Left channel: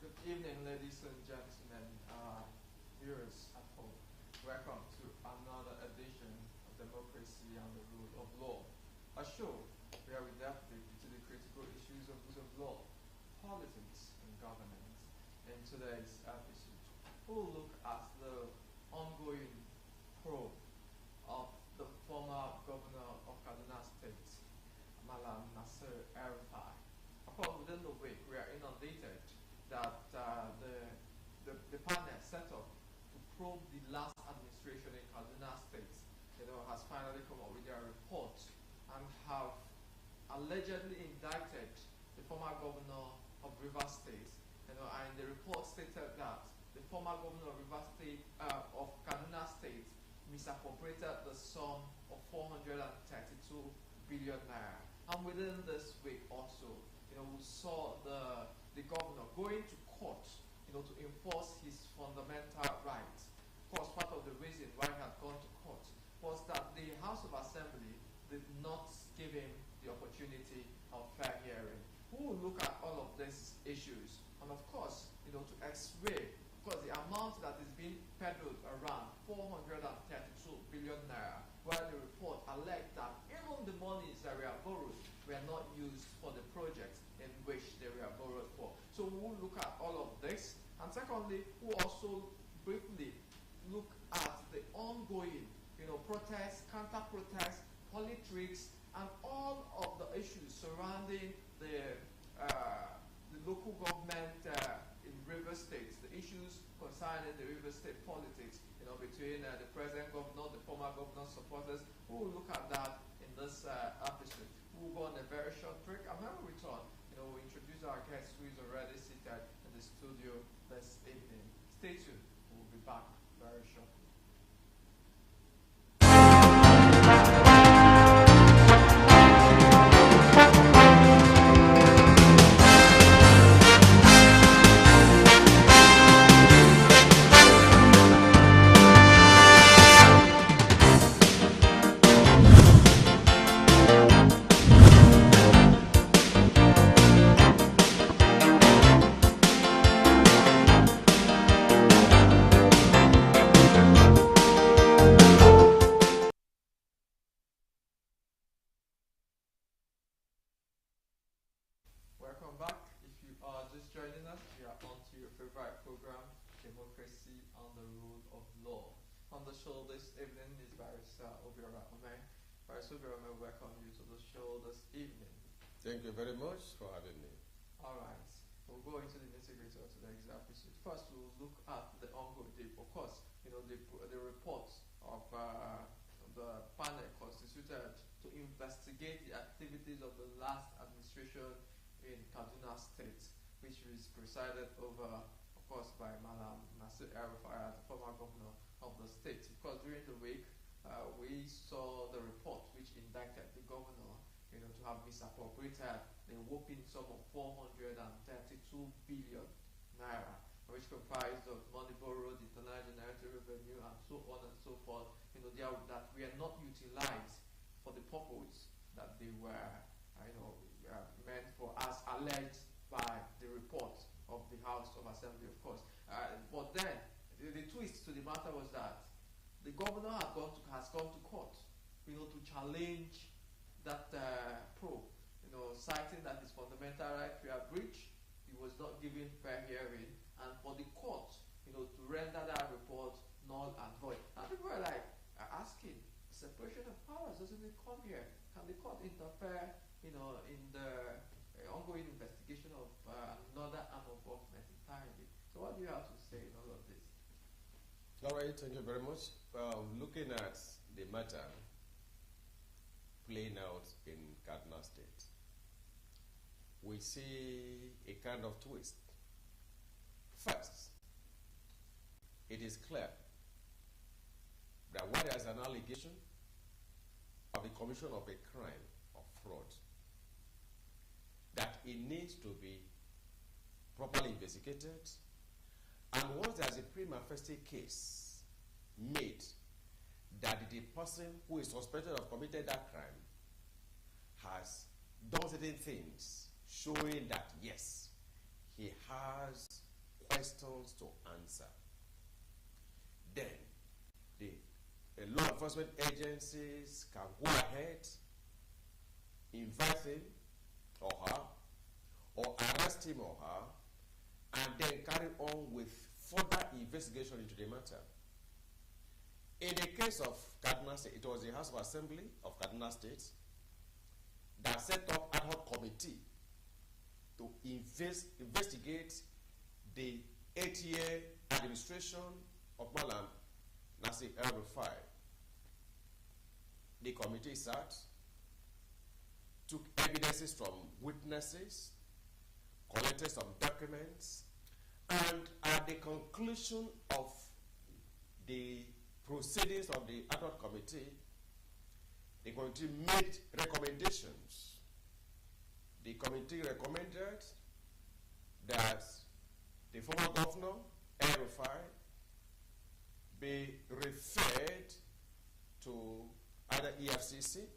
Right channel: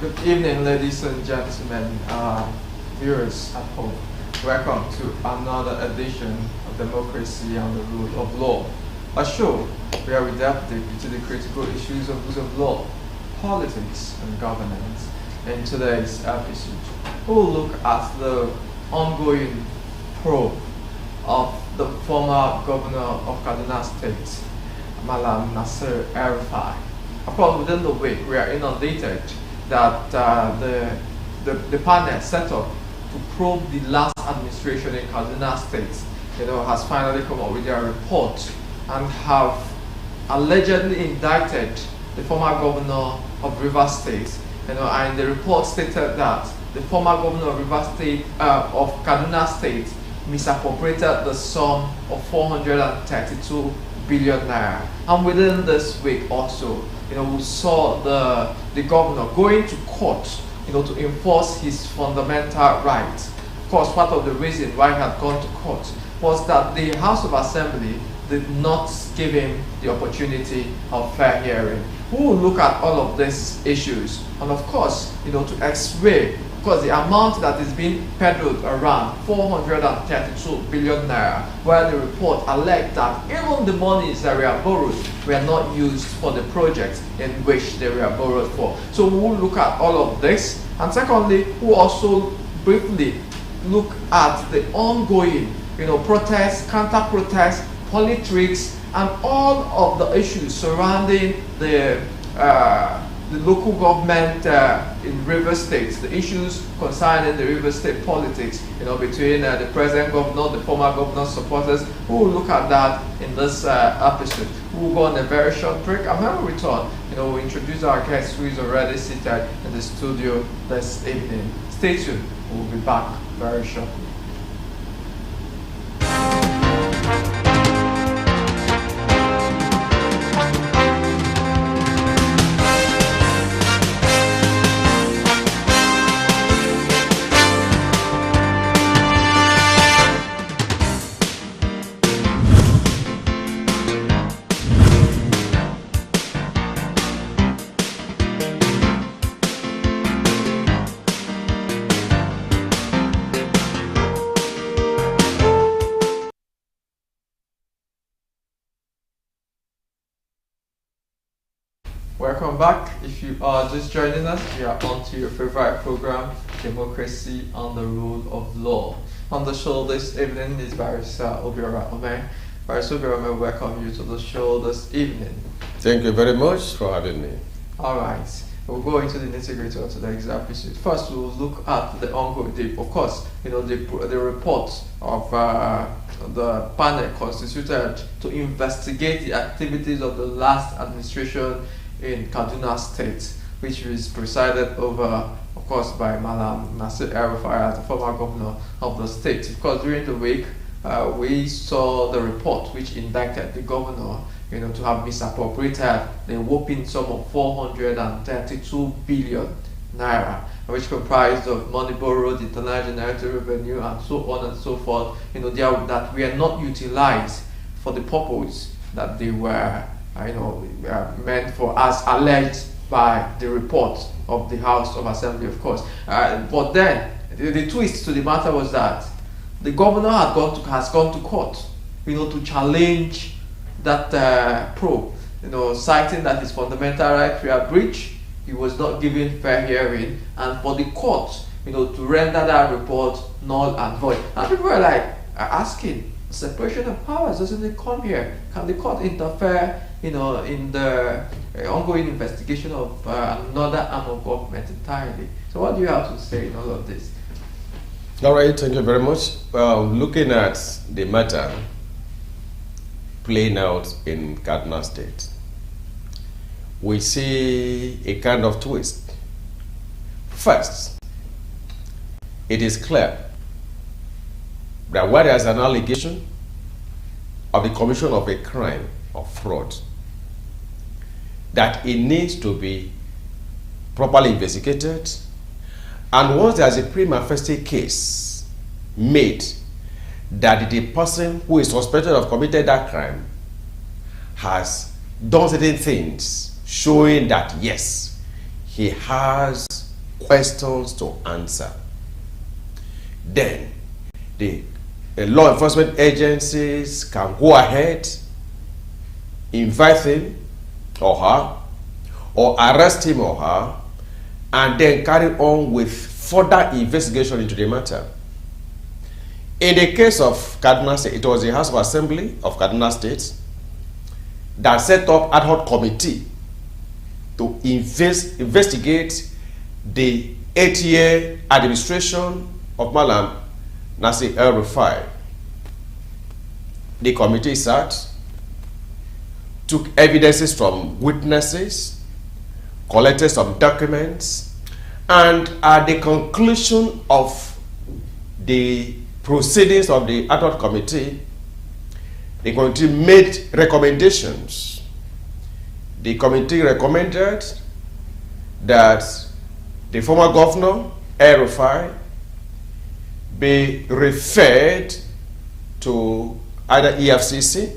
Good evening, ladies and gentlemen, viewers at home. Welcome to another edition of Democracy and the Rule of Law, a show where we delve deep into the critical issues of rules of law, politics, and governance. In today's episode, we'll look at the ongoing probe of the former governor of Kaduna State, Malam Nasir El-Rufai. Of course, within the week, we are inundated that the panel set up to probe the last administration in Kaduna State, has finally come up with their report and have allegedly indicted the former governor of Rivers State. And the report stated that the former governor of Rivers State, of Kaduna State, misappropriated the sum of 432 billion naira. And within this week also, we saw the governor going to court, to enforce his fundamental rights. Of course, part of the reason why he had gone to court was that the House of Assembly did not give him the opportunity of fair hearing. We will look at all of these issues, and of course, to x-ray, because the amount that is being peddled around 432 billion naira, where the report alleged that even the monies that were borrowed were not used for the projects in which they were borrowed for. So we will look at all of this, and secondly, we'll also briefly look at the ongoing, protests, counter-protests, politics, and all of the issues surrounding the local government in Rivers State, the issues concerning the Rivers State politics, between the present governor, the former governor's supporters. We will look at that in this episode. We will go on a very short break, and when we return, we'll introduce our guest who is already seated in the studio this evening. Stay tuned. We'll be back very shortly. Welcome back. If you are just joining us, we are on to your favorite program, Democracy and the Rule of Law. On the show this evening is Barrister Obiora Ome. Barrister Obiora Ome, welcome you to the show this evening. Thank you very much for having me. All right. We'll go into the nitty-gritty of today's episode. First, we'll look at the ongoing, of course, the report of the panel constituted to investigate the activities of the last administration in Kaduna State, which was presided over, of course, by Malam Nasir El-Rufai as the former governor of the state. Of course, during the week, we saw the report which indicted the governor, to have misappropriated the whopping sum of 432 billion naira, which comprised of money borrowed, internal generated revenue, and so on and so forth, that were not utilized for the purpose that they were meant for, as alleged by the report of the House of Assembly, of course. But then, the twist to the matter was that the governor has gone to court, to challenge that probe, citing that his fundamental rights were breached, he was not given fair hearing, and for the court, to render that report null and void. And people are asking, separation of powers, doesn't it come here? Can the court interfere in the ongoing investigation of another arm of government entirely? So what do you have to say in all of this? All right, thank you very much. Looking at the matter playing out in Kaduna State, we see a kind of twist. First, it is clear that where there is an allegation of the commission of a crime of fraud, that it needs to be properly investigated, and once there is a prima facie case made that the person who is suspected of committing that crime has done certain things showing that yes, he has questions to answer. Then the law enforcement agencies can go ahead, invite him or her, or arrest him or her, and then carry on with further investigation into the matter. In the case of Kaduna State, it was the House of Assembly of Kaduna State that set up ad hoc committee to investigate the 8-year administration of Malam Nasir El-Rufai. The committee sat, took evidences from witnesses, collected some documents, and at the conclusion of the proceedings of the ad hoc committee, the committee made recommendations. The committee recommended that the former governor, El-Rufai, be referred to either EFCC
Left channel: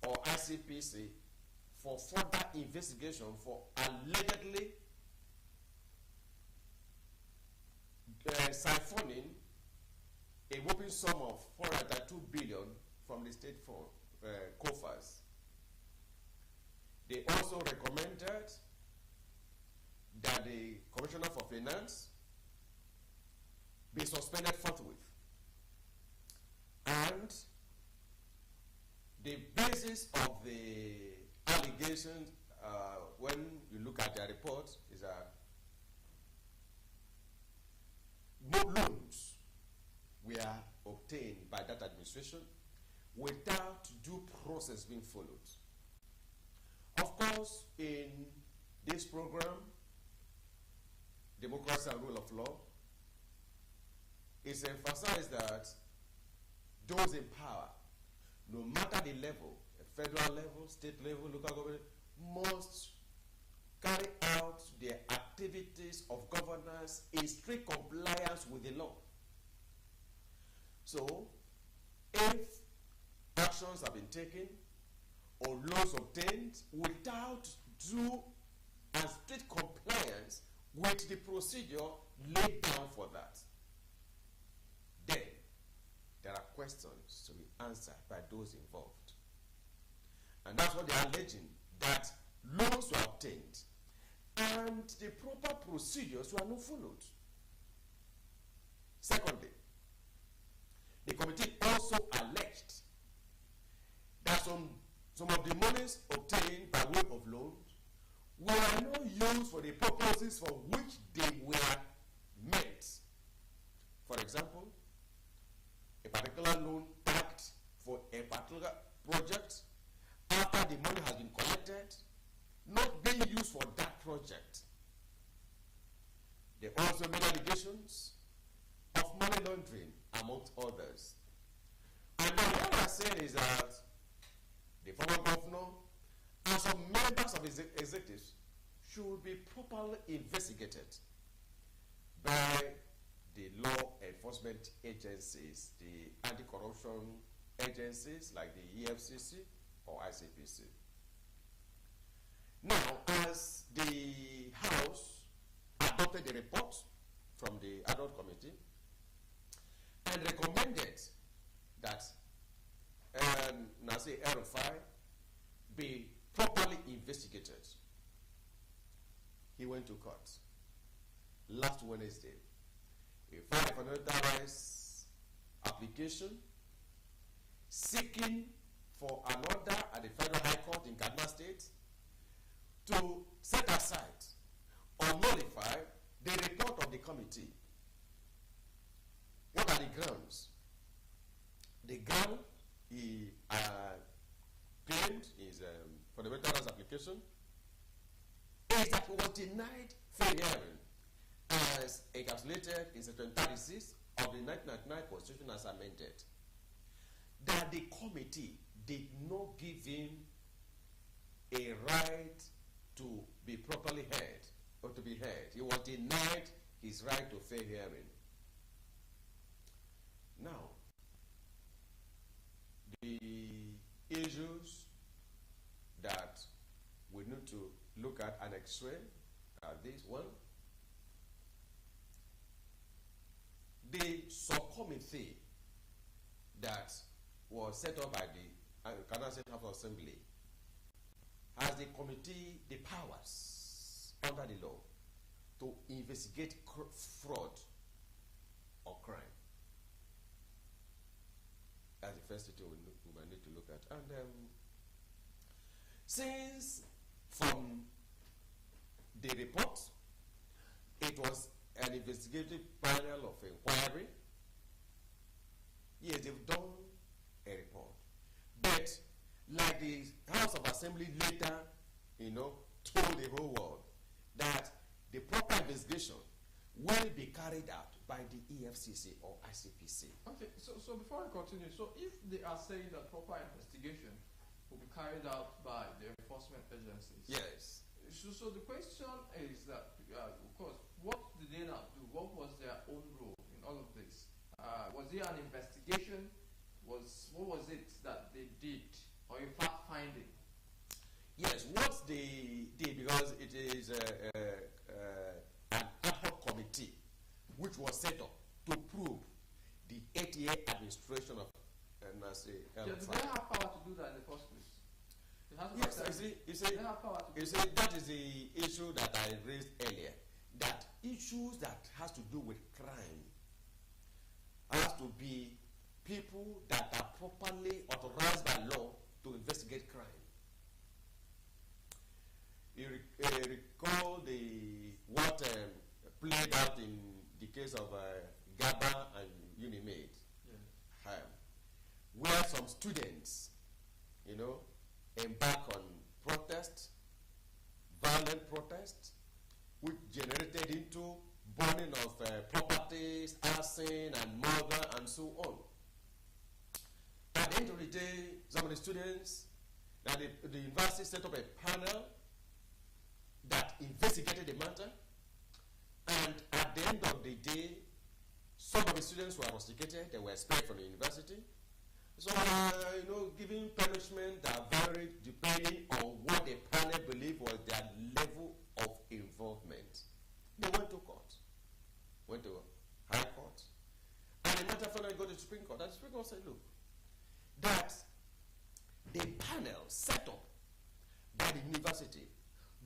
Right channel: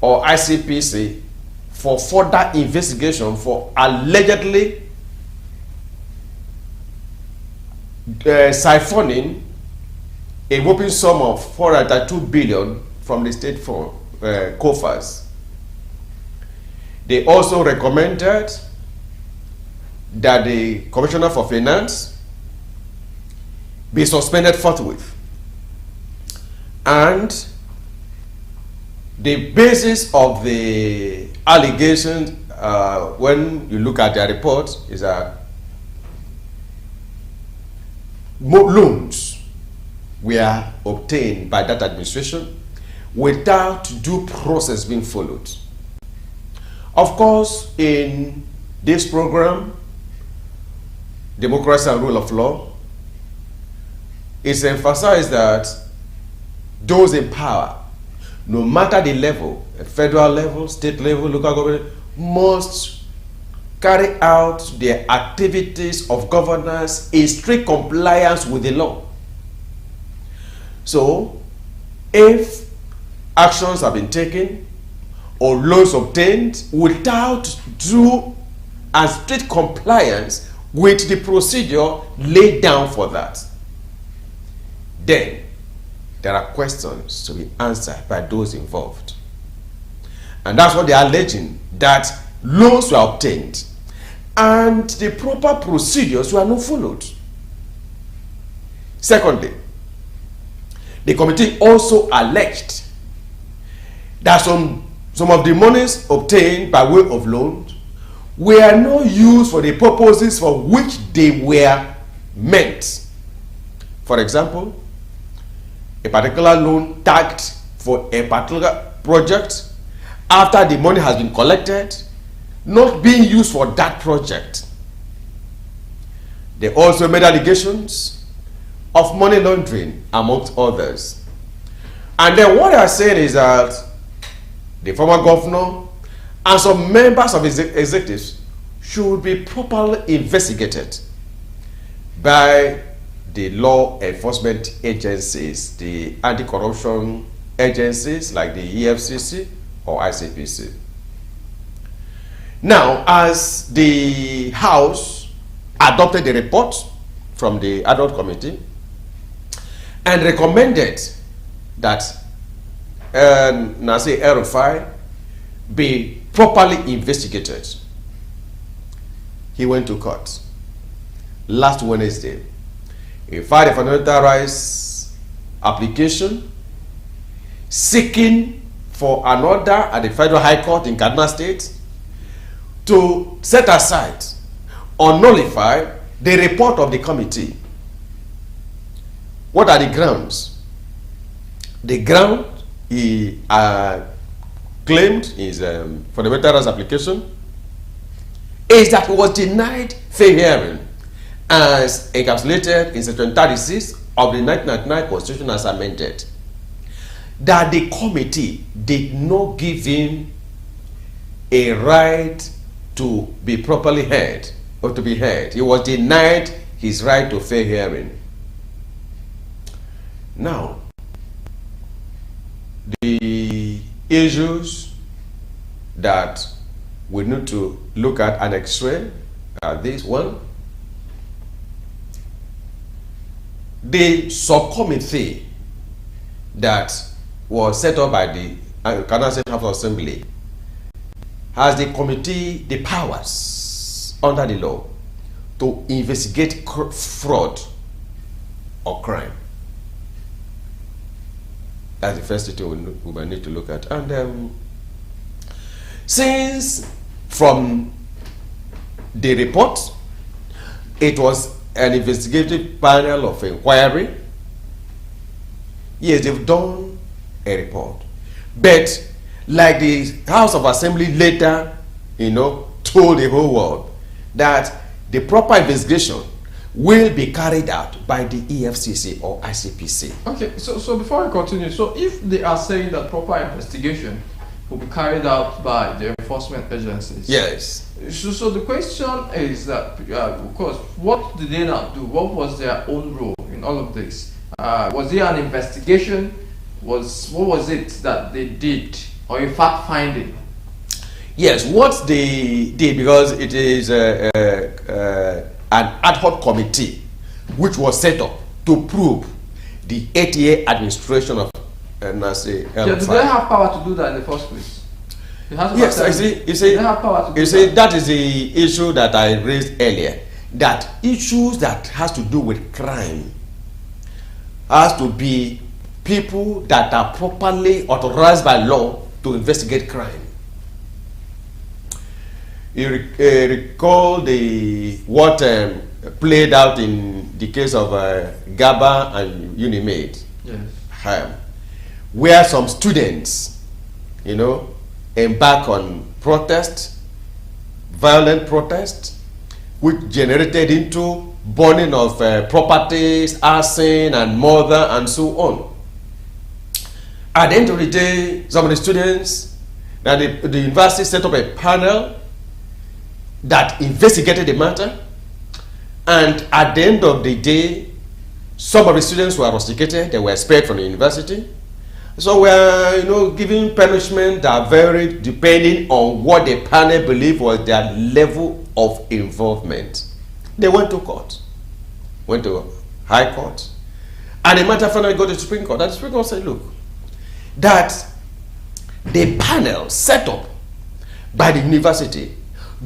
or ICPC for further investigation for allegedly siphoning a whopping sum of 402 billion from the state coffers. They also recommended that the Commissioner for Finance be suspended forthwith. And the basis of the allegations, when you look at their report, is that loans were obtained by that administration without due process being followed. Of course, in this program, Democracy and Rule of Law, it's emphasized that those in power, no matter the level, federal level, state level, local government, must carry out their activities of governance in strict compliance with the law. So, if actions have been taken or loans obtained without due and strict compliance with the procedure laid down for that, then there are questions to be answered by those involved. And that's what they are alleging, that loans were obtained and the proper procedures were not followed. Secondly, the committee also alleged that some of the monies obtained by way of loans were not used for the purposes for which they were meant. For example, a particular loan tagged for a particular project, after the money has been collected, not being used for that project. They also made allegations of money laundering, amongst others. And then what they are saying is that the former governor and some members of his executives should be properly investigated by the law enforcement agencies, the anti-corruption agencies like the EFCC or ICPC. Now, as the House adopted the report from the ad hoc committee and recommended that Nasir El-Rufai be properly investigated, he went to court last Wednesday. He filed a fundamental rights application seeking for an order at the Federal High Court in Kaduna State to set aside or nullify the report of the committee. What are the grounds? The ground he claimed his fundamental rights application is that he was denied fair hearing as encapsulated in Section 36 of the 1999 Constitution as amended. That the committee did not give him a right to be properly heard or to be heard. He was denied his right to fair hearing. Now, the issues that we need to look at and x-ray are this one. the subcommittee that was set up by the Kaduna State House of Assembly has the powers under the law to investigate fraud or crime. That's the first thing we might need to look at. And since from the report, it was an investigative panel of inquiry, yes, they've done a report. But like the House of Assembly later, told the whole world that the proper investigation will be carried out by the EFCC or ICPC. Okay, so before I continue, so if they are saying that proper investigation will be carried out by the enforcement agencies. Yes. So the question is that, of course, what did they not do? What was their own role in all of this? Was there an investigation? What was it that they did, or a fact finding? Yes, what they did, because it is an ad hoc committee which was set up to prove the 8-year administration of NASE. Yeah, do they have power to do that in the first place? Yes, I see. You see, that is the issue that I raised earlier. That issues that has to do with crime has to be people that are properly authorized by law to investigate crime. You recall what played out in the case of Gaba and Unimed, yes, where some students, embark on protest, violent protest, which generated into burning of properties, arson and murder and so on. At the end of the day, some of the students, the university set up a panel that investigated the matter, and at the end of the day, some of the students were rusticated, they were expelled from the university. So we are, giving punishment that varied depending on what the panel believed was their level of involvement. They went to court, went to High Court, and the matter finally got to the Supreme Court. And the Supreme Court said, look, that the panel set up by the university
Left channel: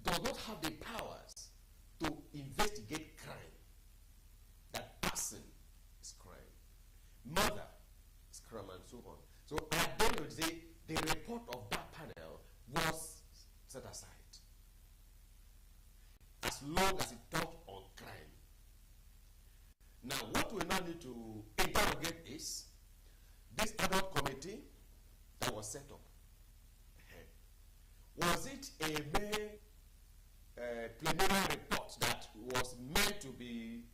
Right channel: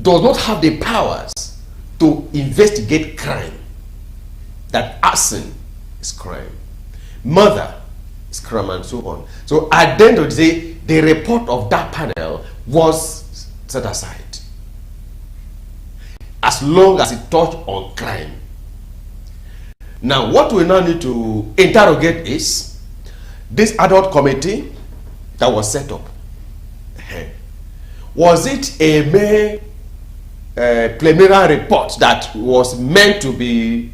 does not have the powers to investigate crime. That arson is crime, murder is crime, and so on. So at the end of the day, the report of that panel was set aside, as long as it touched on crime. Now, what we now need to interrogate is this ad hoc committee that was set up. Was it a mere preliminary report that was meant to be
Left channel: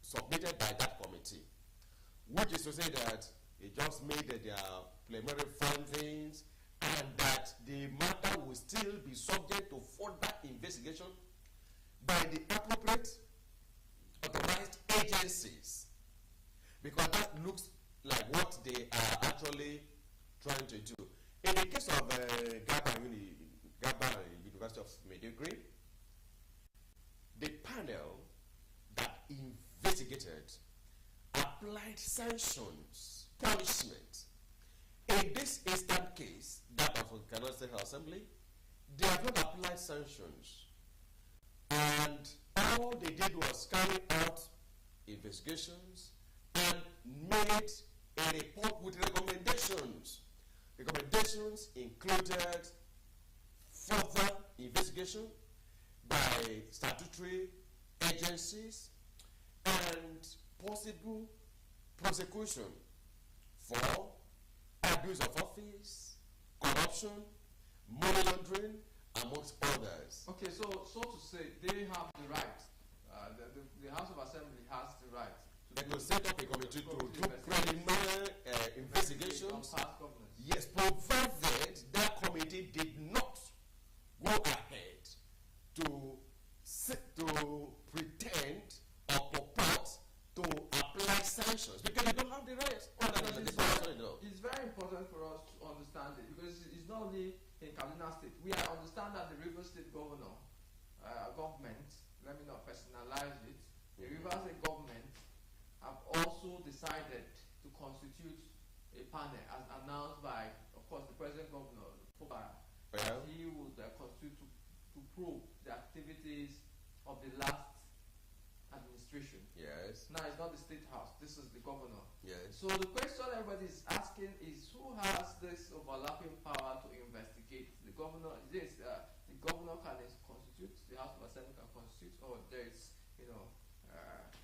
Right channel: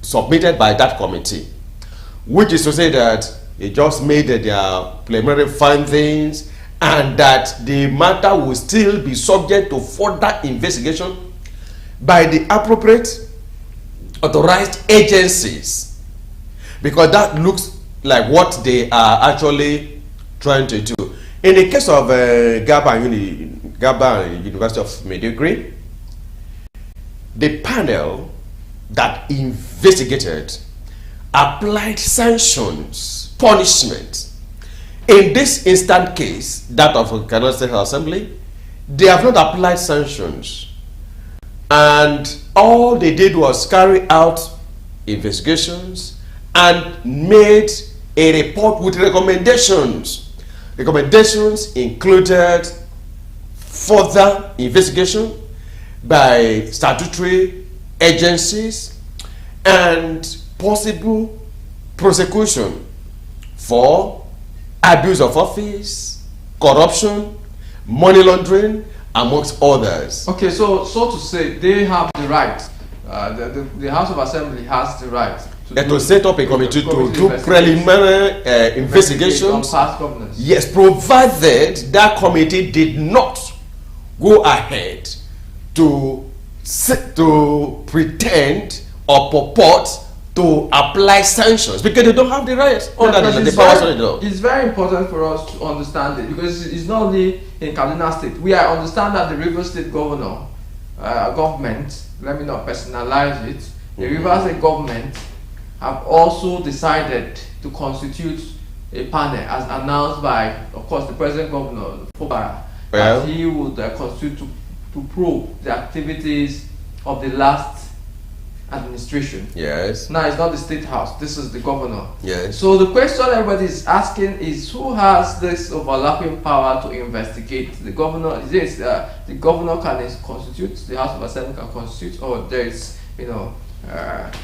submitted by that committee, which is to say that they just made their preliminary findings and that the matter will still be subject to further investigation by the appropriate authorized agencies? Because that looks like what they are actually trying to do. In the case of Gaba and University of Maiduguri, the panel that investigated applied sanctions, punishment. In this instant case, that of Kaduna State Assembly, they have not applied sanctions. And all they did was carry out investigations and made a report with recommendations. Recommendations included further investigation by statutory agencies and possible prosecution for abuse of office, corruption, money laundering, amongst others. Okay, so to say, they have the right, the House of Assembly has the right to set up a committee to do preliminary investigations on past governance. Yes, provided that committee did not go ahead to pretend or purport to apply sanctions, because they don't have the rights under the powers of the law. It's very important for us to understand it, because it's not only in Kaduna State. I understand that the Rivers State government, let me not personalize it, the Rivers State government have also decided to constitute a panel, as announced by, of course, the present governor, Fubara, that he would constitute to probe the activities of the last administration. Yes. Now, it's not the State House, this is the governor. Yes. So the question everybody is asking is, who has this overlapping power to investigate? The governor, is this, the governor can constitute, the House of Assembly can constitute, or there is,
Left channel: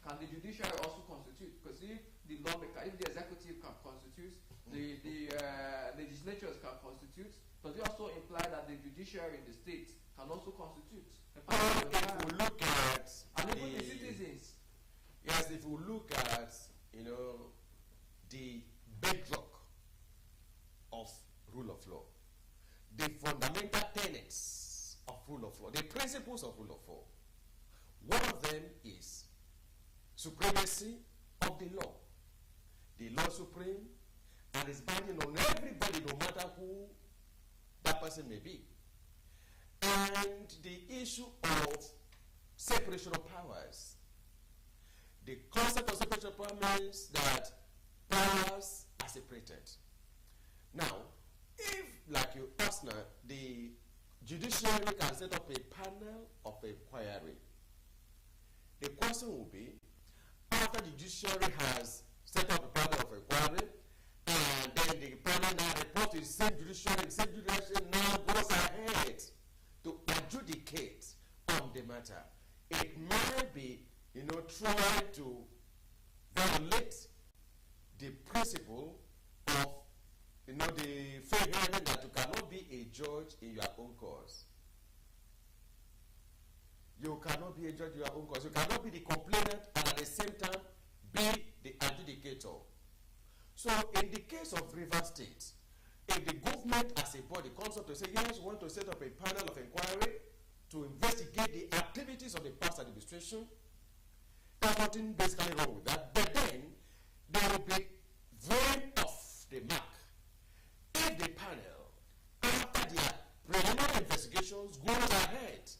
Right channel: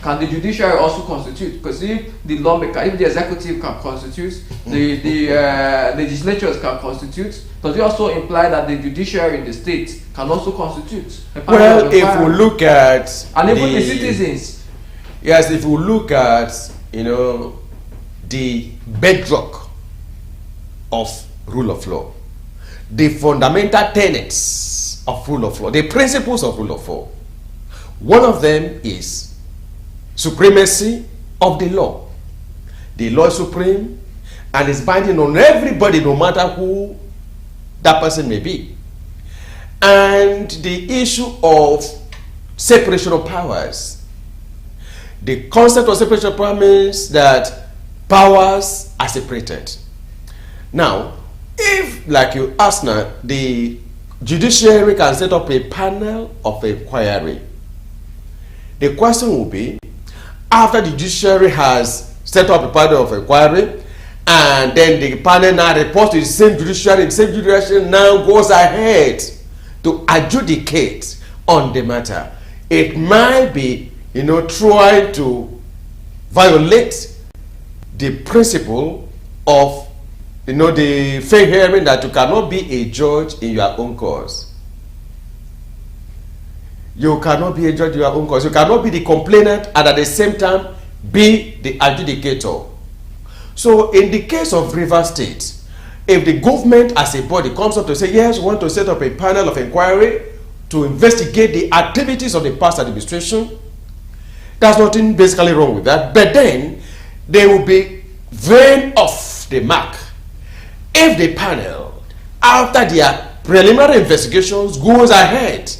can the judiciary also constitute? Because if the lawmaker, if the executive can constitute, the legislatures can constitute, does it also imply that the judiciary in the state can also constitute? Well, if we look at and even the citizens. Yes, if we look at the bedrock of rule of law, the fundamental tenets of rule of law, the principles of rule of law, one of them is supremacy of the law. The law is supreme and is binding on everybody, no matter who that person may be. And the issue of separation of powers. The concept of separation of powers means that powers are separated. Now, if, like you asked now, the judiciary can set up a panel of inquiry, the question will be, after the judiciary has set up a panel of inquiry, and then the panel now reports to the same judiciary now goes ahead to adjudicate on the matter. It might be, trying to violate the principle of, the fair hearing, that you cannot be a judge in your own cause. You cannot be a judge in your own cause. You cannot be the complainant and at the same time be the adjudicator. So in the case of Rivers State, if the government as a body comes up to say, yes, we want to set up a panel of inquiry to investigate the activities of the past administration, there's nothing basically wrong with that. But then they will be veering off the mark if the panel, after their preliminary investigations, goes ahead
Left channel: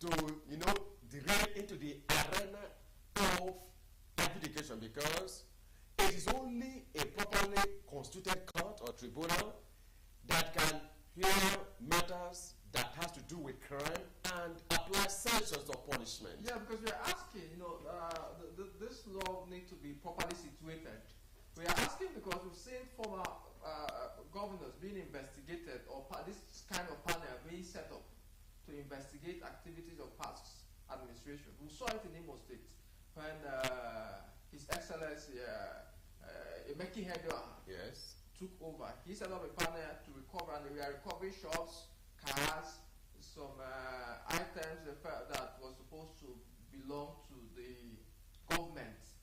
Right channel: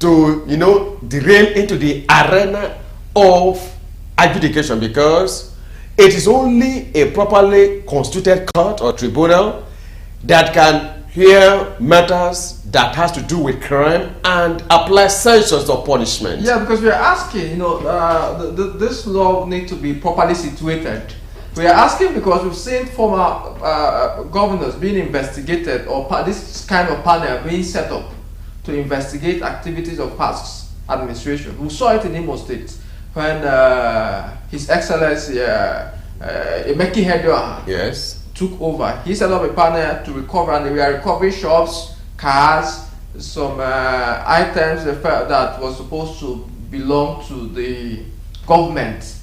to derail into the arena of adjudication, because it is only a properly constituted court or tribunal that can hear matters that has to do with crime and apply sanctions or punishment. Yeah, because we are asking, this law needs to be properly situated. We are asking because we've seen former governors being investigated, or this kind of panel being set up to investigate activities of past administration. We saw it in Imo State when His Excellency Emeki Hedwa took over. He set up a panel to recover, and we are recovering shops, cars, some items that was supposed to belong to the government,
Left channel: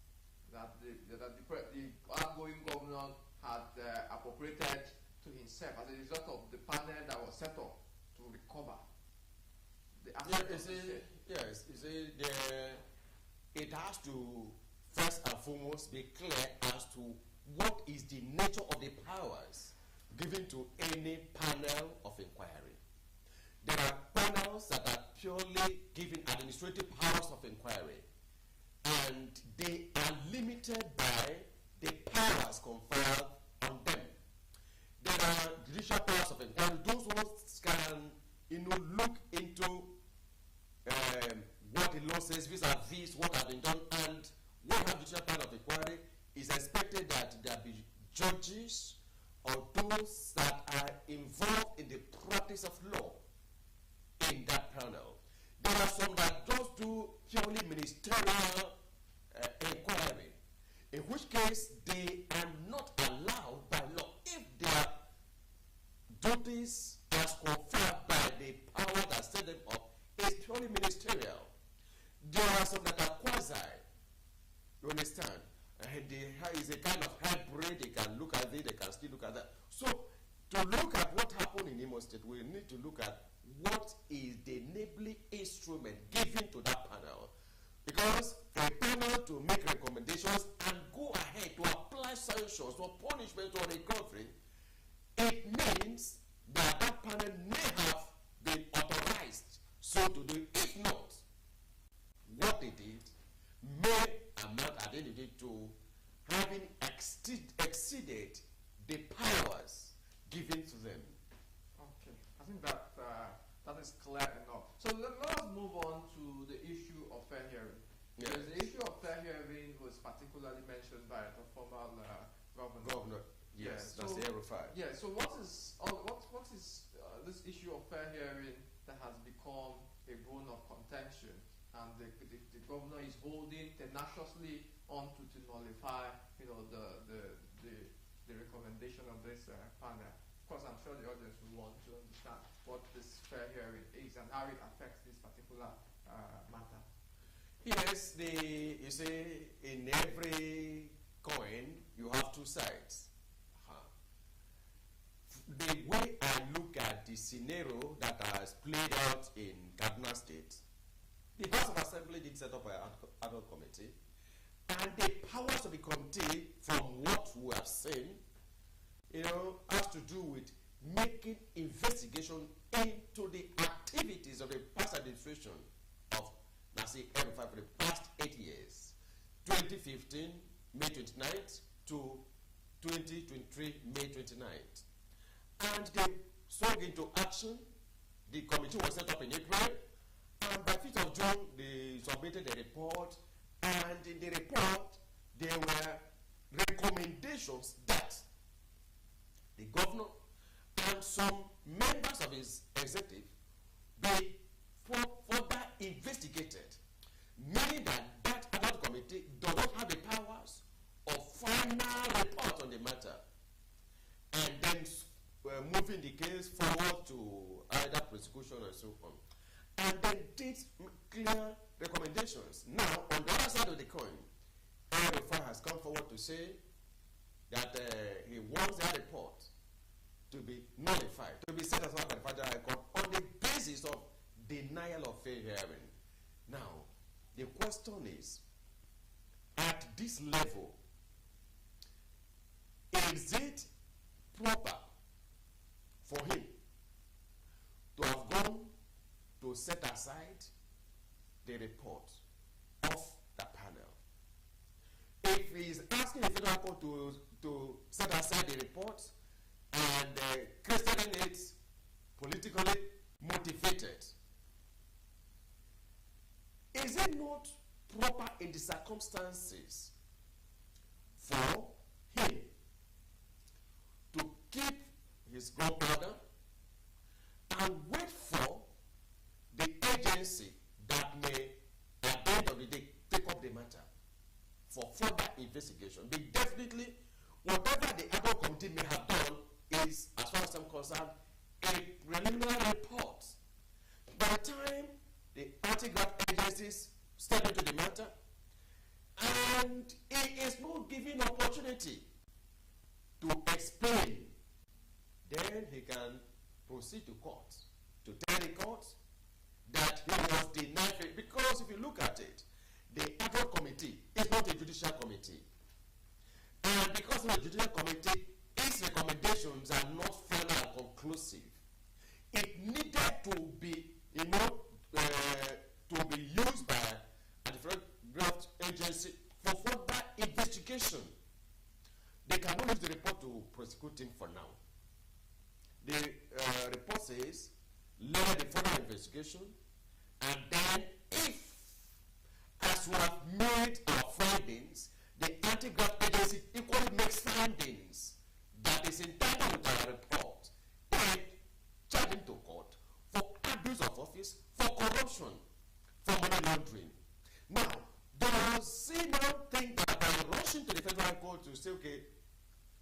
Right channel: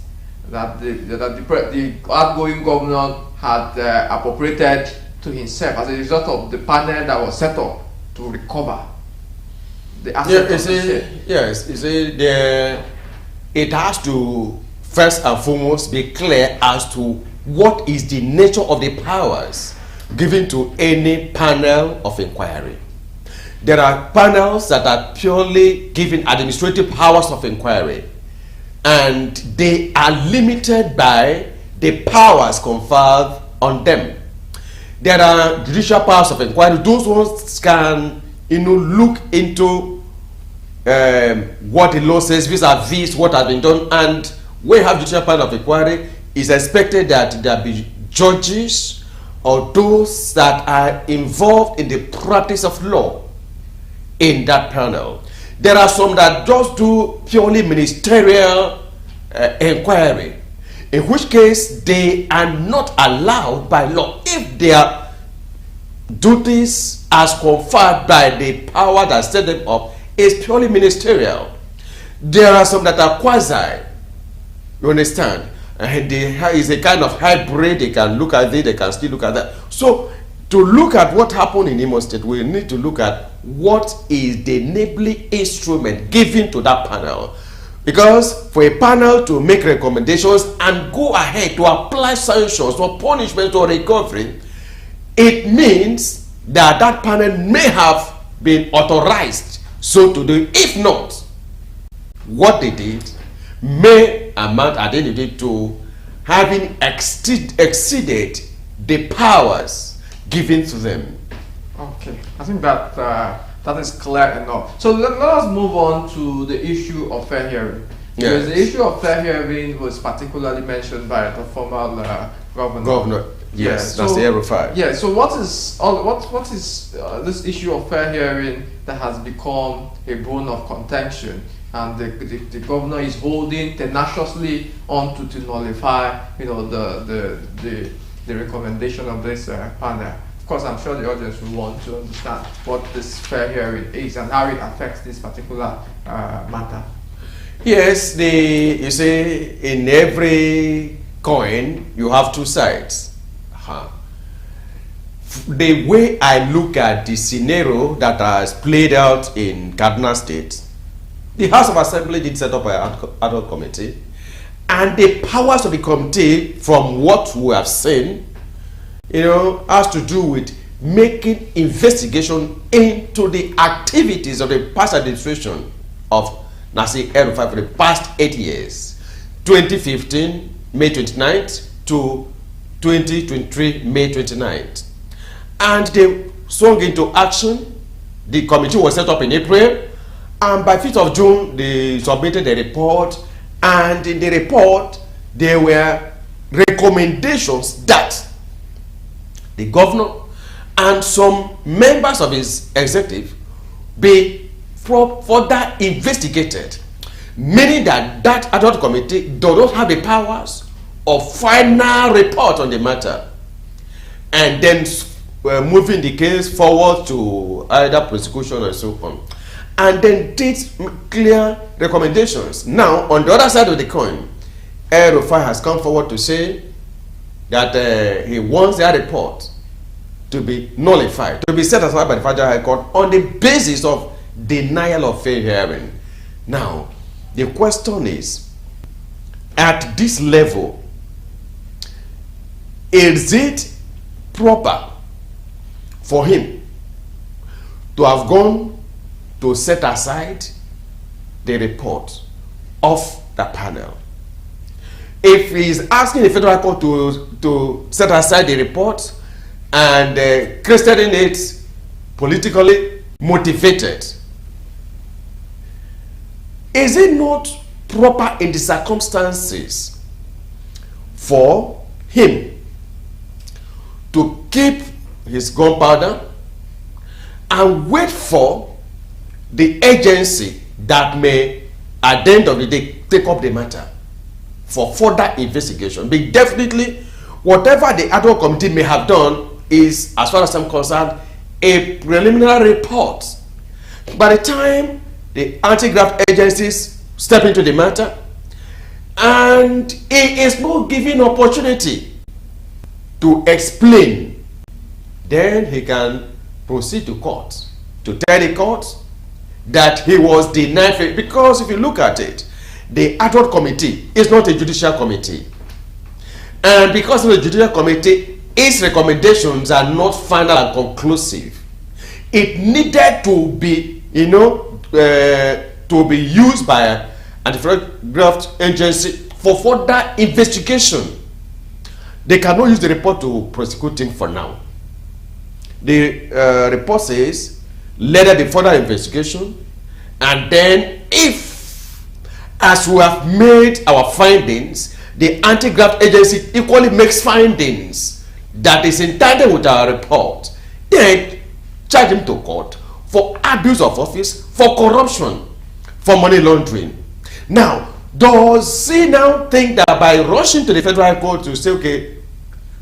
that the outgoing governor had appropriated to himself as a result of the panel that was set up to recover the assets. It has to first and foremost be clear as to what is the nature of the powers given to any panel of inquiry. There are panels that are purely given administrative powers of inquiry, and they are limited by the powers conferred on them. There are judicial powers of inquiry. Those ones can, look into what the law says vis-a-vis what has been done, and when you have judicial panel of inquiry, it's expected that there be judges or those that are involved in the practice of law in that panel. There are some that just do purely ministerial inquiry, in which case they are not allowed by law if their duties as conferred by the power that set them up is purely ministerial. There are some that are quasi, you understand, and there is a kind of hybrid. They can look at it, they can still look at that. So to look at what happened in Imo State, we need to look at what is the enabling instrument given to that panel. Because for a panel to make recommendations and go ahead to apply sanctions or punishment or recovery, it means that that panel may have been authorized so to do. If not, what they did may amount at the end of the day to having exceeded the powers given to them. Okay, I think that that is clear enough. So let us move on to the issue of fair hearing. Because the issue of fair hearing was particularly mentioned by the former governor. Yes, that's the El-Rufai. Yeah. So what is this issue of fair hearing that has become a bone of contention, and the governor is holding tenaciously on to nullify, the recommendation of this panel. Of course, I'm sure the audience will want to understand what this fair hearing is and how it affects this particular matter. Yes, you see, in every coin, you have two sides. The way I look at the scenario that has played out in Kaduna State, the House of Assembly did set up an ad hoc committee, and the powers of the committee, from what we have seen, has to do with making investigation into the activities of the past administration of Nasir El-Rufai for the past 8 years, 2015, May 29th to 2023, May 29th. And they swung into action. The committee was set up in April, and by 5th of June, they submitted a report, and in the report, there were recommendations that the governor and some members of his executive be further investigated, meaning that ad hoc committee does not have the powers of final report on the matter, and then moving the case forward to either prosecution and so on, and then did clear recommendations. Now, on the other side of the coin, El-Rufai has come forward to say that he wants their report to be nullified, to be set aside by the Federal High Court on the basis of denial of fair hearing. Now, the question is, at this level, is it proper for him to have gone to set aside the report of the panel? If he is asking the Federal Court to set aside the report and crediting it politically motivated, is it not proper in the circumstances for him to keep his gunpowder and wait for the agency that may, at the end of the day, take up the matter for further investigation? But definitely, whatever the ad hoc committee may have done is, as far as I'm concerned, a preliminary report. By the time the anti-graft agencies step into the matter, and he is not given opportunity to explain, then he can proceed to court to tell the court that he was denied fair. Because if you look at it, the ad hoc committee is not a judicial committee, and because of the judicial committee, its recommendations are not final and conclusive. It needed to be, to be used by an anti-graft agency for further investigation. They cannot use the report to prosecute him for now. The report says, let there be further investigation, and then if, as we have made our findings, the anti-graft agency equally makes findings that is entitled with our report, then charge him to court for abuse of office, for corruption, for money laundering. Now, does he now think that by rushing to the Federal High Court to say, okay,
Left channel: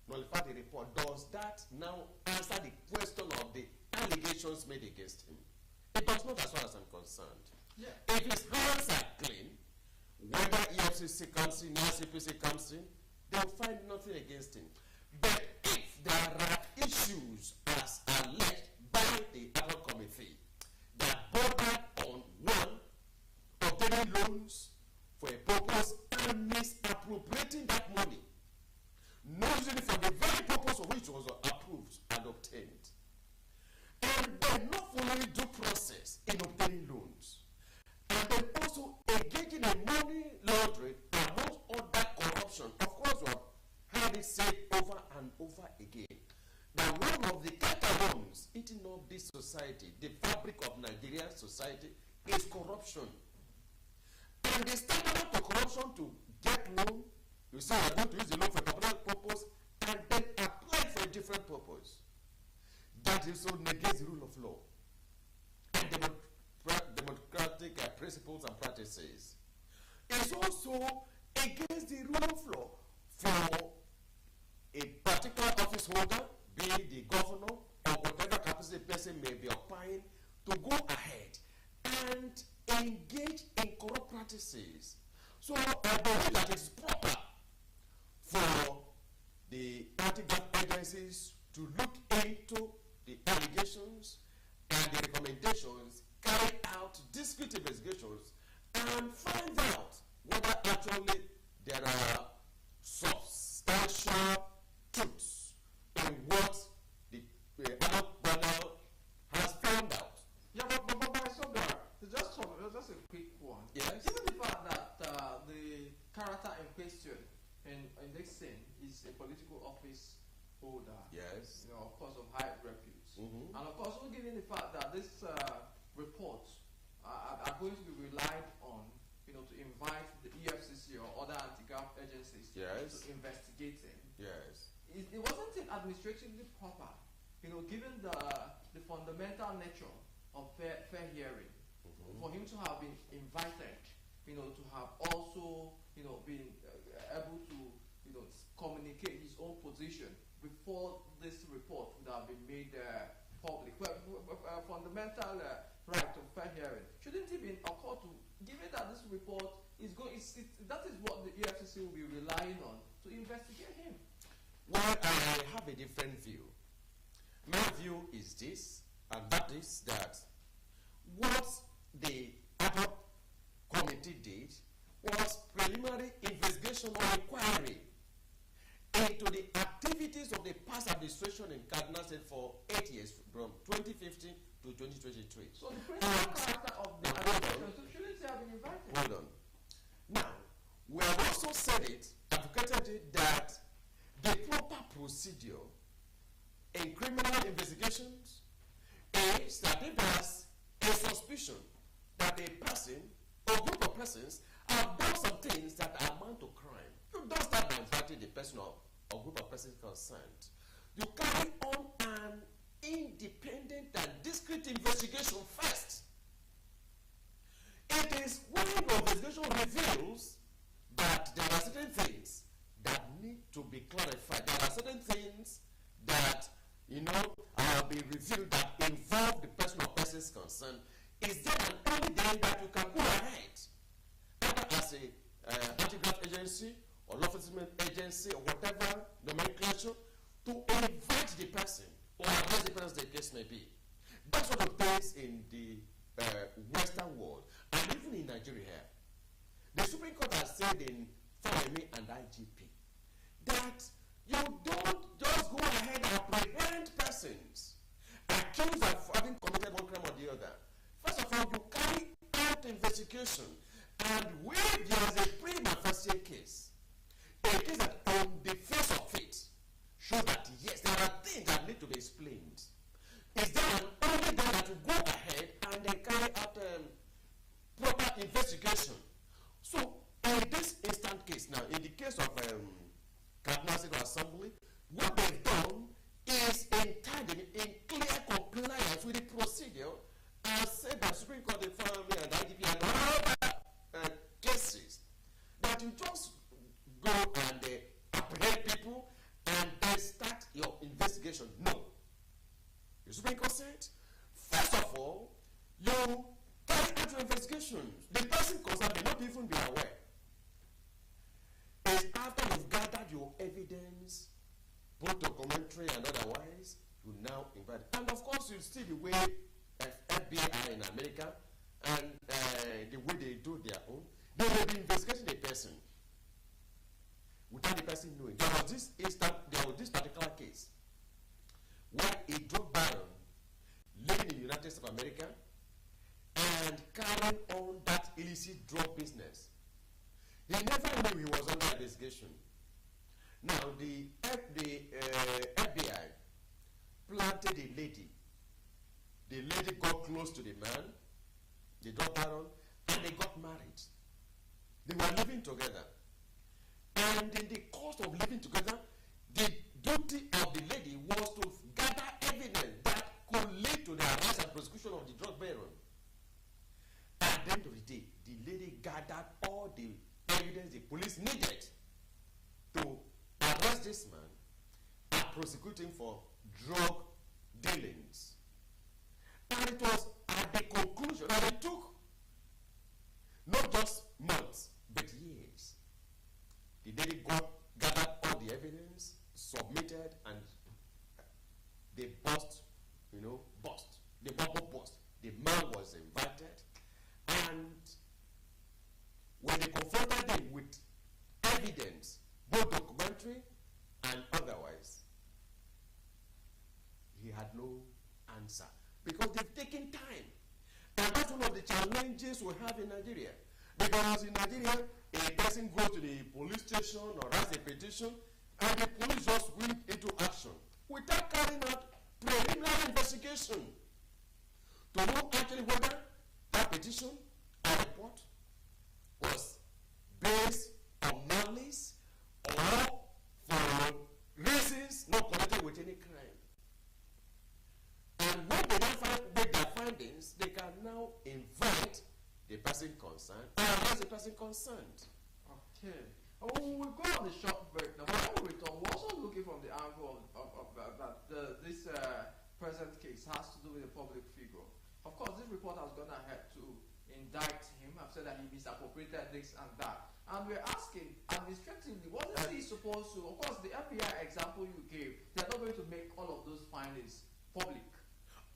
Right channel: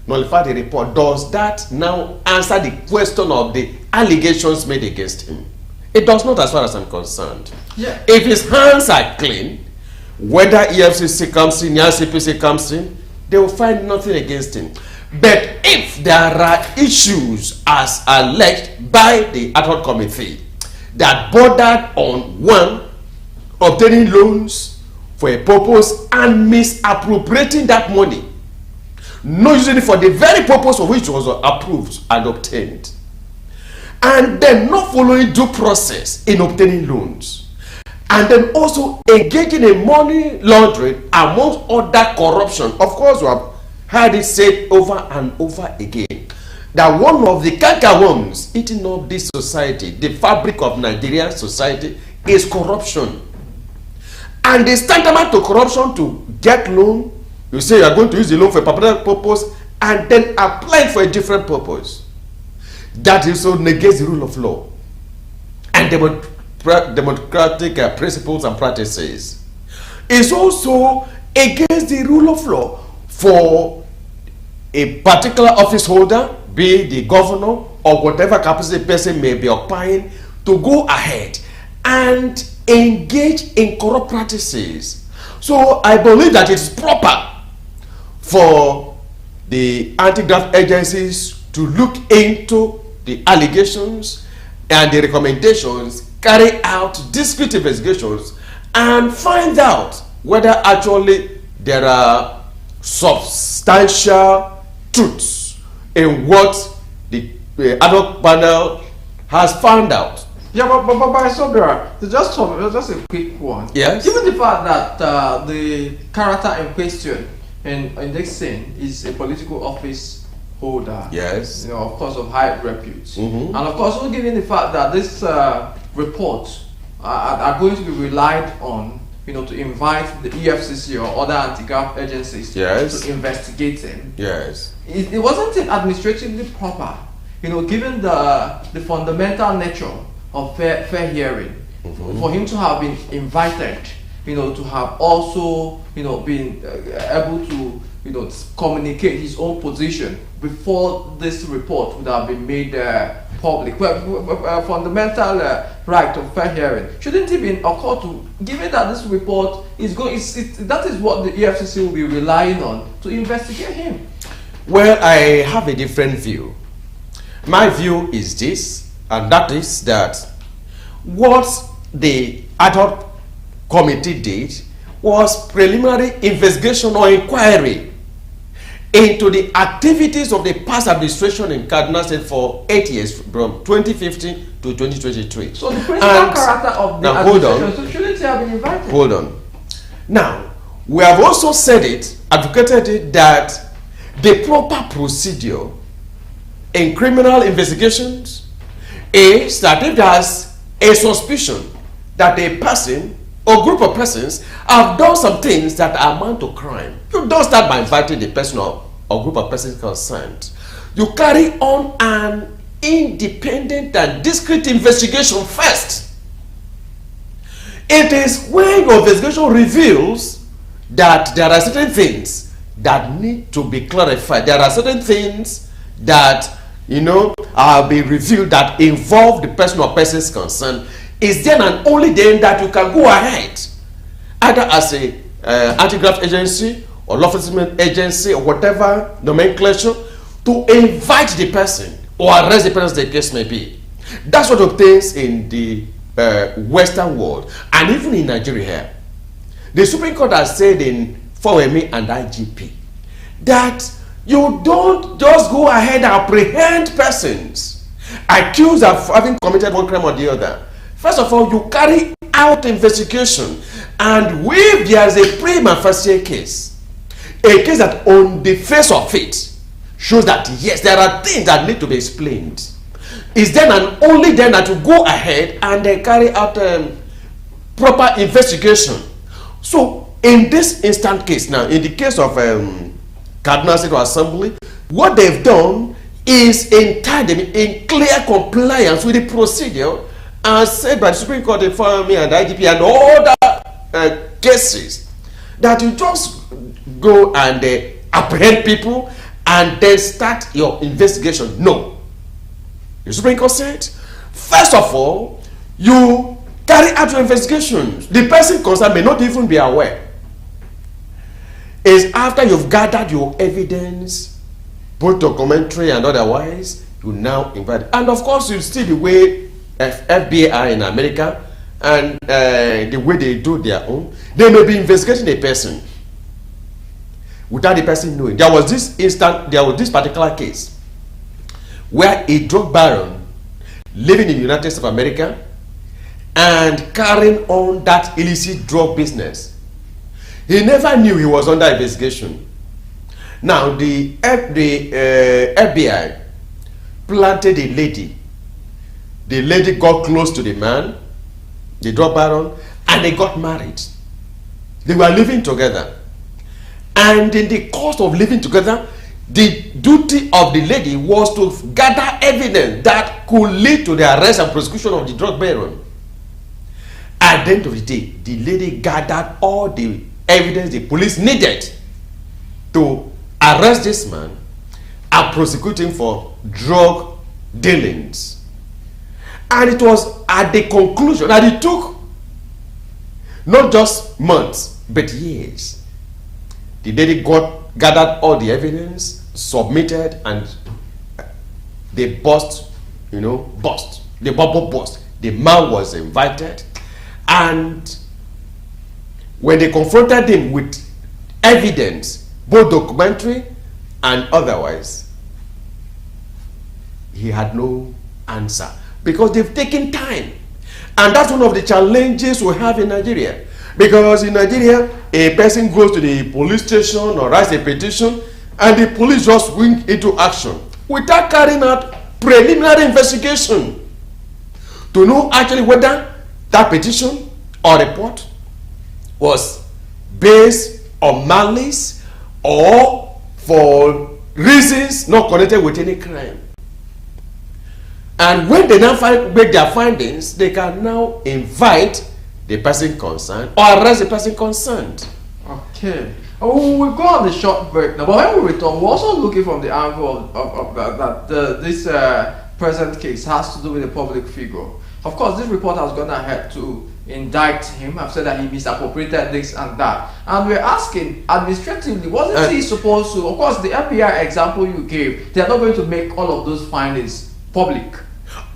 nullify the report, does that now answer the question of the allegations made against him? It does not, as far as I'm concerned. Yeah. If his hands are clean, whether EFCC comes in, CPC comes in, they will find nothing against him. But if there are issues as alleged by the ad hoc committee that bordered on one, obtaining loans for a purpose and misappropriating that money, not using it for the very purpose for which it was approved and obtained, and then not following due process in obtaining loans, and then also engaging in money laundering amongst other corruption. Of course, we have heard it said over and over again that one of the cankerworms eating up this society, the fabric of Nigerian society, is corruption. And it's tantamount to corruption to get loan. You say you are going to use the loan for a particular purpose and then apply it for a different purpose. That also negates the rule of law and democratic principles and practices. It's also against the rule of law for a particular office holder, be it the governor or whatever capacity person may be occupying, to go ahead and engage in corrupt practices. So I believe that it's proper for the anti-graft agencies to look into the allegations and the recommendations, carry out discrete investigations, and find out whether actually there are substantial truths in what the ad hoc panel has found out. Yeah, but Sobira, just a quick one. Yes. Given the fact that the character in question in this scene is a political office holder, yes, you know, of course, of high repute, and of course, also given the fact that this reports are going to be relied on, you know, to invite the EFCC or other anti-graft agencies, yes, to investigate him. Yes. It wasn't administratively proper, you know, given the fundamental nature of fair hearing, for him to have been invited, you know, to have also, you know, been able to, you know, communicate his own position before this report would have been made public. Well, fundamental right of fair hearing, shouldn't it be occurred to, given that this report is going, that is what the EFCC will be relying on to investigate him? Well, I have a different view. My view is this, and that is that what the ad hoc committee did was preliminary investigation or inquiry into the activities of the past administration in Kaduna State for 8 years, from 2015 to 2023. So the principal character of the administration, so shouldn't he have been invited? Hold on. Now, we have also said it, advocated it, that the proper procedure in criminal investigations is that if there's a suspicion that a person or group of persons have done some things that amount to crime, you don't start by inviting the person or group of persons concerned. You carry on an independent and discreet investigation first. It is when your investigation reveals that there are certain things that need to be clarified, there are certain things that, you know, are being revealed that involve the person or persons concerned, is then and only then that you can go ahead, either as a anti-graft agency or law enforcement agency or whatever nomenclature, to invite the person or arrest the person, the case may be. That's what obtains in the Western world, and even in Nigeria here. The Supreme Court has said in FOME and IGP that you don't just go ahead and apprehend persons accused of having committed one crime or the other. First of all, you carry out investigation, and if there is a prima facie case, a case that on the face of it shows that yes, there are things that need to be explained, is then and only then that you go ahead and carry out proper investigation. So in this instant case now, in the case of Kaduna State Assembly, what they've done is in clear compliance with the procedure as said by the Supreme Court, the FOME and IGP and other cases, that you just go and apprehend people and then start your investigation. No. The Supreme Court said, first of all, you carry out your investigation. The person concerned may not even be aware. It's after you've gathered your evidence, both documentary and otherwise, you now invite. And of course, you see the way FBI in America and the way they do their own. They may be investigating a person without the person knowing. There was this particular case where a drug baron living in the United States of America and carrying on that illicit drug business. He never knew he was under investigation. Now, the FBI planted a lady. The lady got close to the man, the drug baron, and they got married. They were living together. And in the course of living together, the duty of the lady was to gather evidence that could lead to the arrest and prosecution of the drug baron. At the end of the day, the lady gathered all the evidence the police needed to arrest this man and prosecute him for drug dealings. And it was at the conclusion that it took not just months, but years. The lady gathered all the evidence, submitted, and they burst. The bubble burst. The man was invited, and when they confronted him with evidence, both documentary and otherwise, he had no answer because they've taken time. And that's one of the challenges we have in Nigeria. Because in Nigeria, a person goes to the police station or writes a petition, and the police just went into action without carrying out preliminary investigation to know actually whether that petition or report was based on malice or for reasons not connected with any crime. And when they now make their findings, they can now invite the person concerned or arrest the person concerned. Okay. Oh, we'll go on the short break now. But when we return, we're also looking from the angle of that this present case has to do with a public figure. Of course, this report has gone ahead to indict him. I've said that he misappropriated this and that. And we're asking, administratively, wasn't he supposed to, of course, the FBI example you gave, they're not going to make all of those findings public.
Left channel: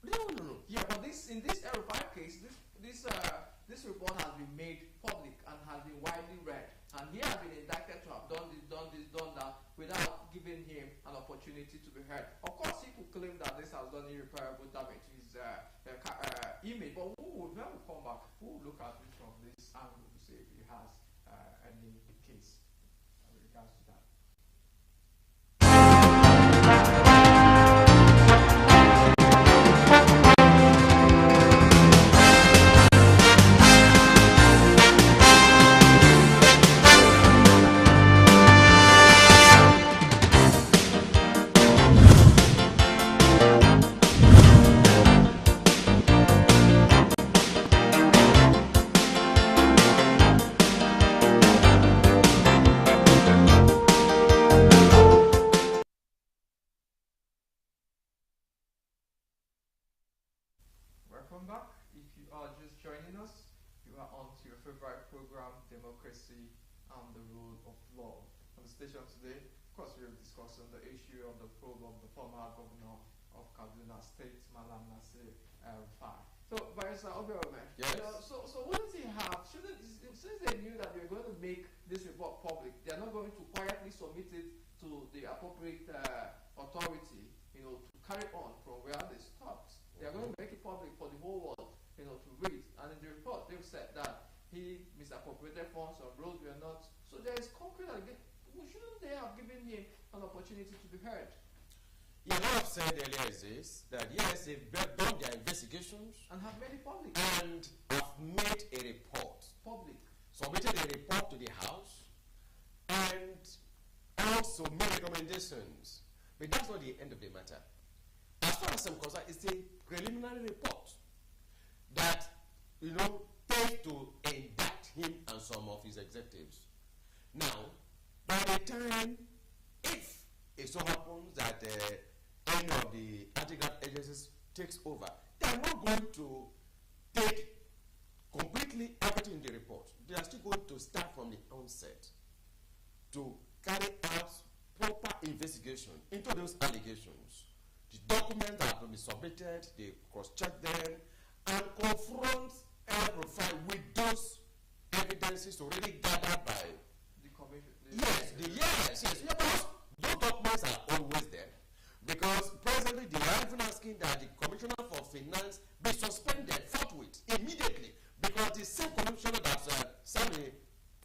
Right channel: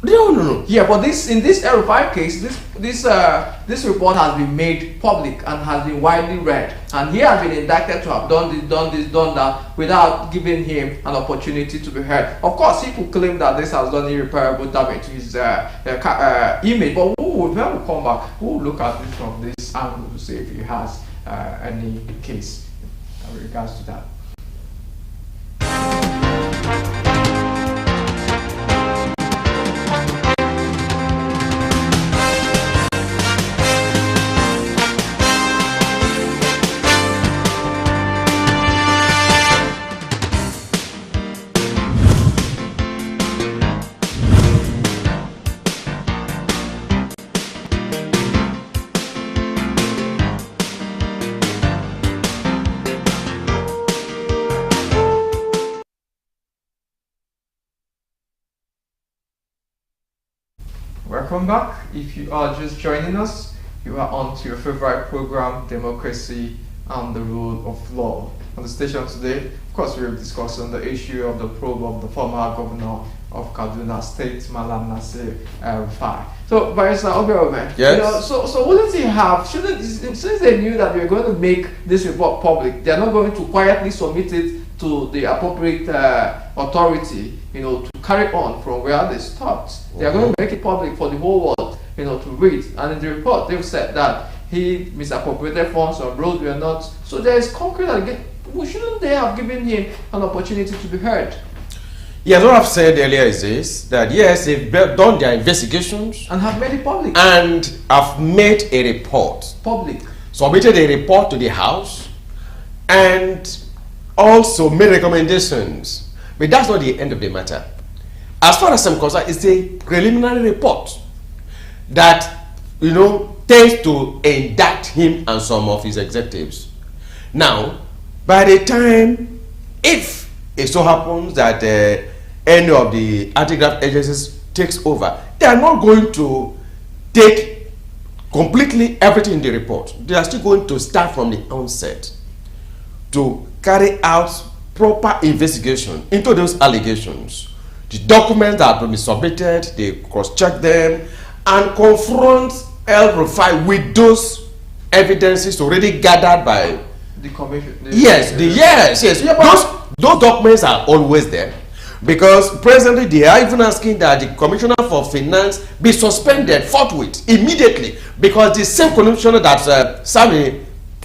No. Yeah, but in this El-Rufai case, this report has been made public and has been widely read, and he has been indicted to have done that without giving him an opportunity to be heard. Of course, he could claim that this has done irreparable damage to his image, but when we come back, we'll look at it from this angle to see if he has any case in regards to that. Welcome back. If you are just joining us, you are on to your favorite program, Democracy and the Rule of Law. On the station today, of course, we are discussing the issue of the probe of the former governor of Kaduna State, Malam Nasir El-Rufai. So, Barrister Obiome, yes. So wouldn't he have, since they knew that we were going to make this report public, they're not going to quietly submit it to the appropriate authority, to carry on from where they stopped. They are going to make it public for the whole world, to read. And in the report, they've said that he misappropriated funds on roads were not. So there is concrete again. Shouldn't they have given him an opportunity to be heard? Yes, what I've said earlier is this, that yes, they've done their investigations and have made it public. And have made a report. Public. Submitted a report to the House and also made recommendations. But that's not the end of the matter. As far as I'm concerned, it's a preliminary report that, tends to indict him and some of his executives. Now, by the time, if it so happens that any of the anti-graft agencies takes over, they are not going to take completely everything in the report. They are still going to start from the onset to carry out proper investigation into those allegations. The documents that will be submitted, they cross-check them and confront El-Rufai with those evidences already gathered by the commission. Yes. Yeah, those documents are always there. Because presently they are even asking that the Commissioner for Finance be suspended forthwith, immediately, because the same commissioner that Sami,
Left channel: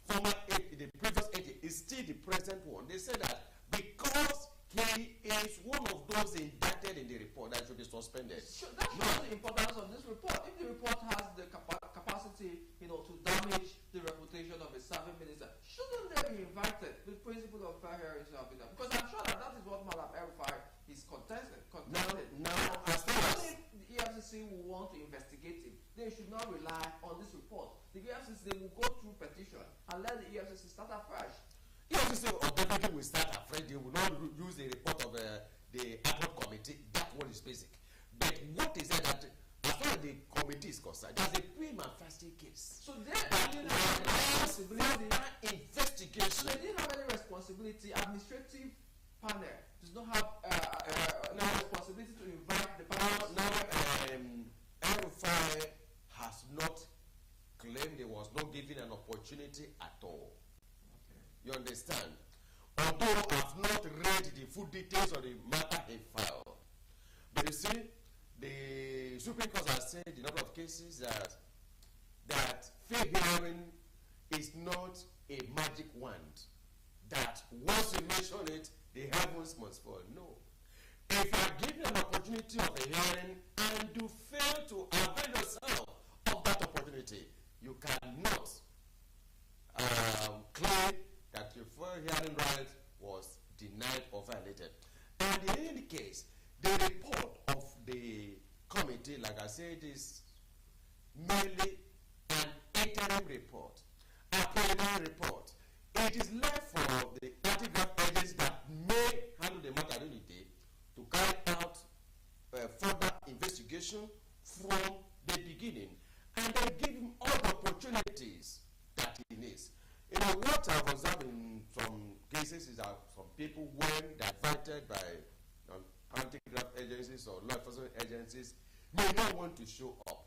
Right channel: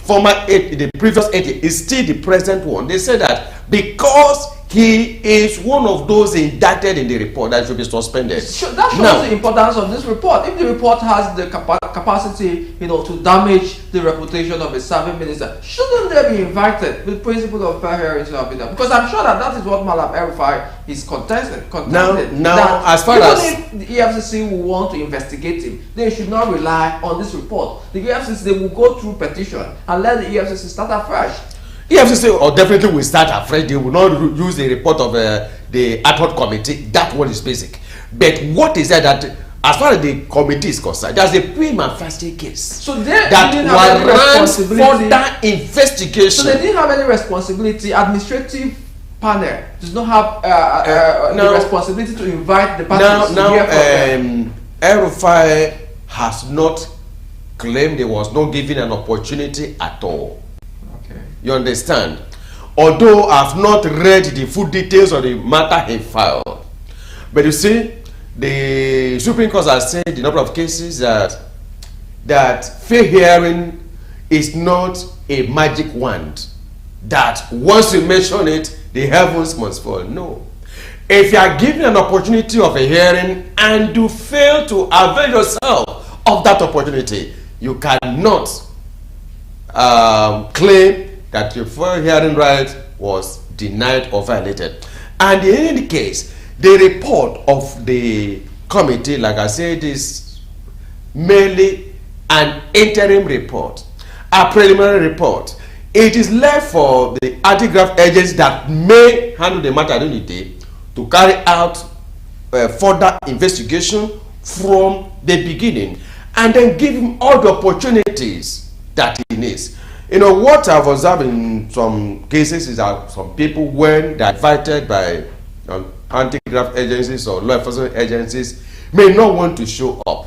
the previous 80, is still the present one. They say that because he is one of those indicted in the report that should be suspended. That shows the importance of this report. If the report has the capacity, to damage the reputation of a serving minister, shouldn't they be invited with principle of fair hearing to have been done? Because I'm sure that is what Malam El-Rufai is contested. Now, as far as if the EFCC will want to investigate him, they should not rely on this report. The EFCC, they will go through petition and let the EFCC start afresh. EFCC or definitely will start afresh. They will not use the report of the ad hoc committee. That one is basic. But what is that as far as the committee is concerned, there's a prima facie case. So that warrants further investigation. So they didn't have any responsibility. Administrative panel does not have the responsibility to invite the parties to hear from them. El-Rufai has not claimed he was not given an opportunity at all. You understand? Although I've not read the full details of the matter he filed. But you see, the Supreme Court has said in a number of cases that fair hearing is not a magic wand. That once you mention it, the heavens must fall. No. If you are given an opportunity of a hearing and you fail to avail yourself of that opportunity, you cannot claim that your fair hearing right was denied or violated. And in any case, the report of the committee, like I said, is merely an interim report, a preliminary report. It is left for the anti-graft agents that may handle the matter during the day to carry out further investigation from the beginning and then give him all the opportunities that he needs. What I've observed in some cases is that some people, when they're invited by anti-graft agencies or law enforcement agencies, may not want to show up.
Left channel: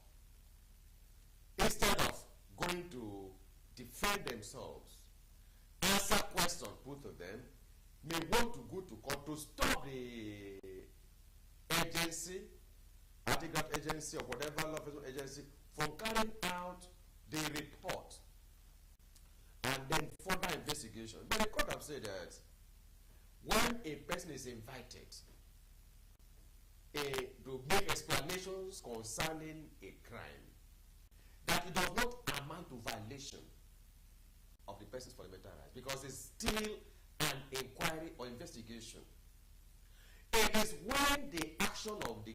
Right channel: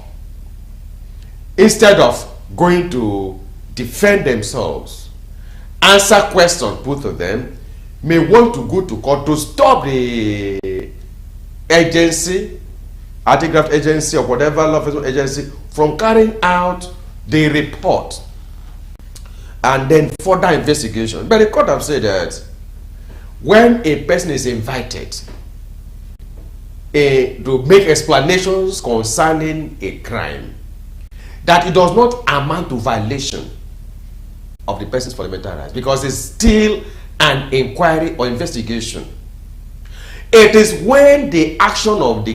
Instead of going to defend themselves, answer questions put to them, may want to go to court to stop the agency, anti-graft agency or whatever law enforcement agency, from carrying out the report and then further investigation. But the court have said that when a person is invited to make explanations concerning a crime, that it does not amount to violation of the person's fundamental rights, because it's still an inquiry or investigation. It is when the action of the